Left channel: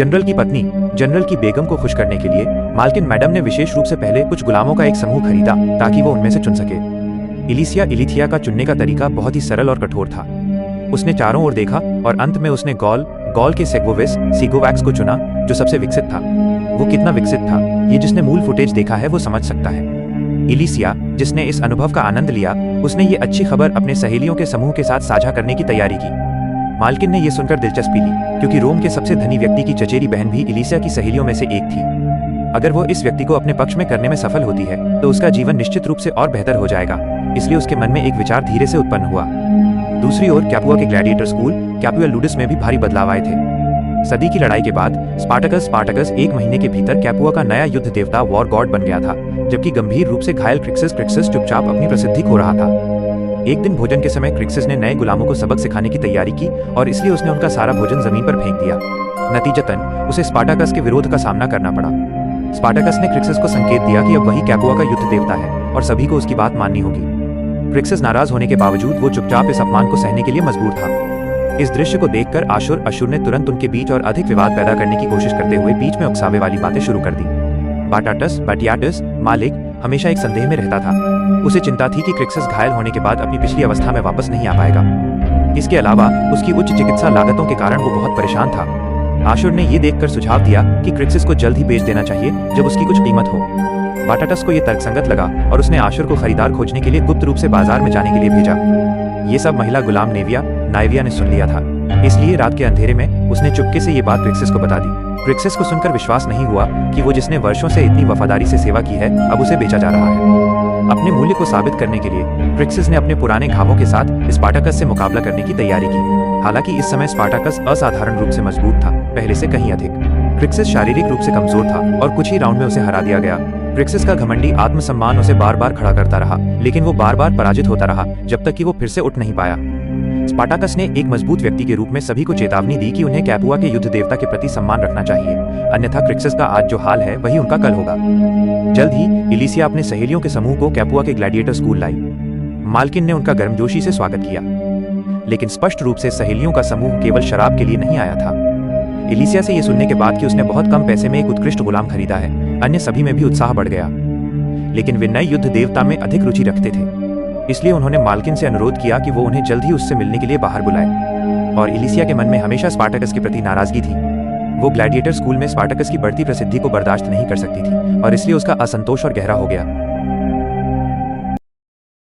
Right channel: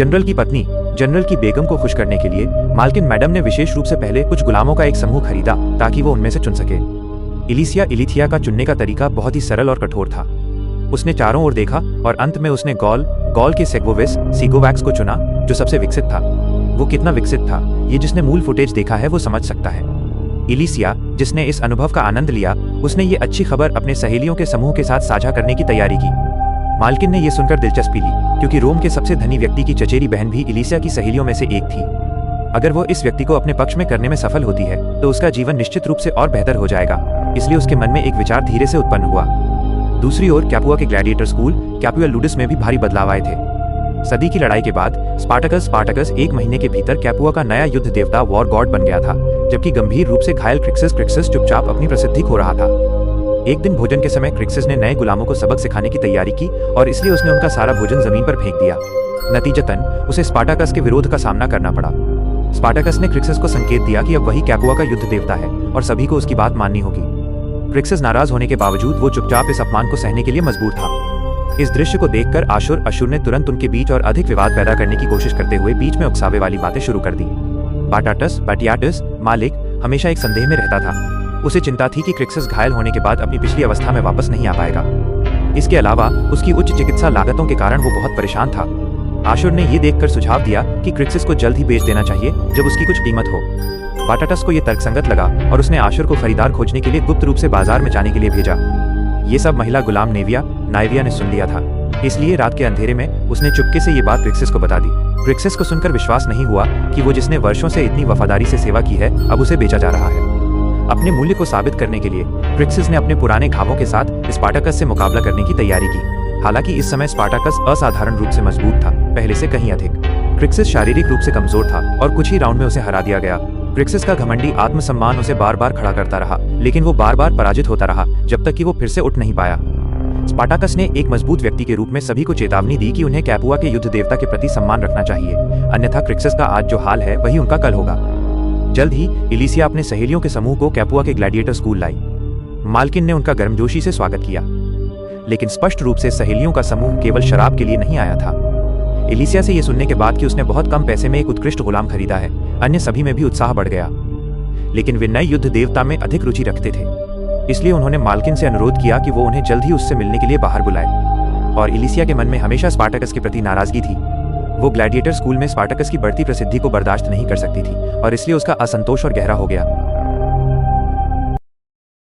General की पत्नी general की बेगम को खुश करने के लिए मालकिन मैडम ने विशेष रूप से पहले कुछ गुलामों का एक समूह खरीदा ताकि वो उनमें से चुन सके। इलिथिया का चुनने का तरीका बहुत ही सरल और कठोर था। उसने चारों ओर देखा और अंत में उसने गॉल के सीगोवैक्स को चुना, जो सबसे विकसित था। वो कितना विकसित था, ये जिसने मूल फुटेज देखा है वो समझ सकता है। इलिथिया, जिसने इस अनुभव का आनंद लिया, उसने ये अच्छी खबर अपने सहेलियों के समूह के साथ साझा करने की तैयारी की। मालकिन ने यह सुनकर दिलचस्पी ली, क्योंकि रोम के सबसे धनी व्यक्ति की चचेरी बहन भी इलिथिया की सहेलियों में से एक थी। अगर वो इस व्यक्ति को अपने पक्ष में करने में सफल होती है तो उसका जीवन निश्चित रूप से और बेहतर हो जाएगा। इसलिए उसके मन में एक विचार धीरे से उत्पन्न हुआ। दूसरी ओर कैपुआ के ग्लैडिएटर स्कूल कैपुआ लूडिस में भी भारी बदलाव आए थे। सदी की लड़ाई के बाद स्पार्टकस 1 महीने के भीतर कैपुआ का नया युद्ध देवता वॉर गॉड बन गया था, जबकि गंभीर रूप से घायल क्रिक्सिस चुपचाप अपनी प्रसिद्धि खो रहा था। एक दिन भोजन के समय क्रिक्सिस ने नए गुलामों को सबक सिखाने की तैयारी की और इसलिए उसने उनका सारा भोजन जमीन पर फेंक दिया। नतीजतन उसे स्पार्टकस के विरोध का सामना करना पड़ा। स्पार्टकस ने क्रिक्सिस को संकेत दिया कि अब वही कैपुआ का युद्ध देवता है और सभी को उसकी बात माननी होगी। क्रिक्सिस नाराज होने के बावजूद वो चुपचाप इस अपमान को सहने के लिए मजबूर था। इस दृश्य को देखकर आशुर ने तुरंत उनके बीच और अधिक विवाद पैदा करने की कोशिश करते हुए बीच में उकसावे वाली बातें शुरू कर दी। बाटियाटस मालिक हमेशा एक संदेह में रहता था। उसे चिंता थी कि क्रिक्सिस घायल होने के बाद अपनी पिछली अवस्था में वापस नहीं आ पाएगा। इसके अलावा उसकी उच्च चिकित्सा लागतों के कारण वो बहुत परेशान था। आशुर ने यह देखकर सुझाव दिया कि क्रिक्सिस को जल्द ही बेच देना चाहिए जब उसकी कुछ कीमत हो। बाटाटस को यह तर्कसंगत लगा और उसने आशुर को खरीदार खोजने के लिए गुप्त रूप से बाजार में जाने के लिए भेजा। ये सब महिला गुलाम नाइविया ने सुन लिया था, इसलिए रात के अंधेरे में उसने चुपके से ये बात क्रिक्सिस को बता दी। क्रिक्सिस को सुनकर विश्वास नहीं हुआ कि वो जिसने वर्षों से इतनी वफादारी से सेवा की है अब उसे बेचा जा रहा है। अपने मूल्य को साबित करने के लिए क्रिक्सिस ने अपने पुराने घावों के साथ स्पार्टकस से मुकाबला करने की तैयारी की। हालांकि इस समय स्पार्टकस असाधारण रूप से मजबूत था, पहले से कहीं अधिक। क्रिक्सिस शारीरिक रूप से कमजोर था और कुछ ही राउंड में उसे हरा दिया गया। क्रिक्सिस का घमंडी आत्मसम्मान उसे बार बार खड़ा करता रहा, लेकिन वो बार बार पराजित होता रहा जब तक कि वो फिर से उठ नहीं पाया। स्पार्टकस ने एक मजबूत व्यक्ति के रूप में सभी को चेतावनी दी कि उन्हें कैपुआ के युद्ध देवता के प्रति सम्मान रखना चाहिए, अन्यथा क्रिक्सिस का आज जो हाल है वही उनका कल होगा। जल्द ही इलिथिया अपने सहेलियों के समूह को कैपुआ के ग्लैडिएटर स्कूल लाई। मालकिन ने उनका गर्मजोशी से स्वागत किया, लेकिन स्पष्ट रूप से सहेलियों का समूह केवल शराब के लिए नहीं आया था। इलिथिया से यह सुनने के बाद कि उसने बहुत कम पैसे में एक उत्कृष्ट गुलाम खरीदा है, अन्य सभी में भी उत्साह बढ़ गया। लेकिन वे नए युद्ध देवता में अधिक रुचि रखते थे, इसलिए उन्होंने मालकिन से अनुरोध किया कि वो उन्हें जल्द ही उससे मिलने के लिए बाहर बुलाए। और इलिथिया के मन में हमेशा स्पार्टकस के प्रति नाराजगी थी। वो ग्लैडिएटर स्कूल में स्पार्टकस की बढ़ती प्रसिद्धि को बर्दाश्त नहीं कर सकती थी और इसलिए उसका असंतोष और गहरा हो गया।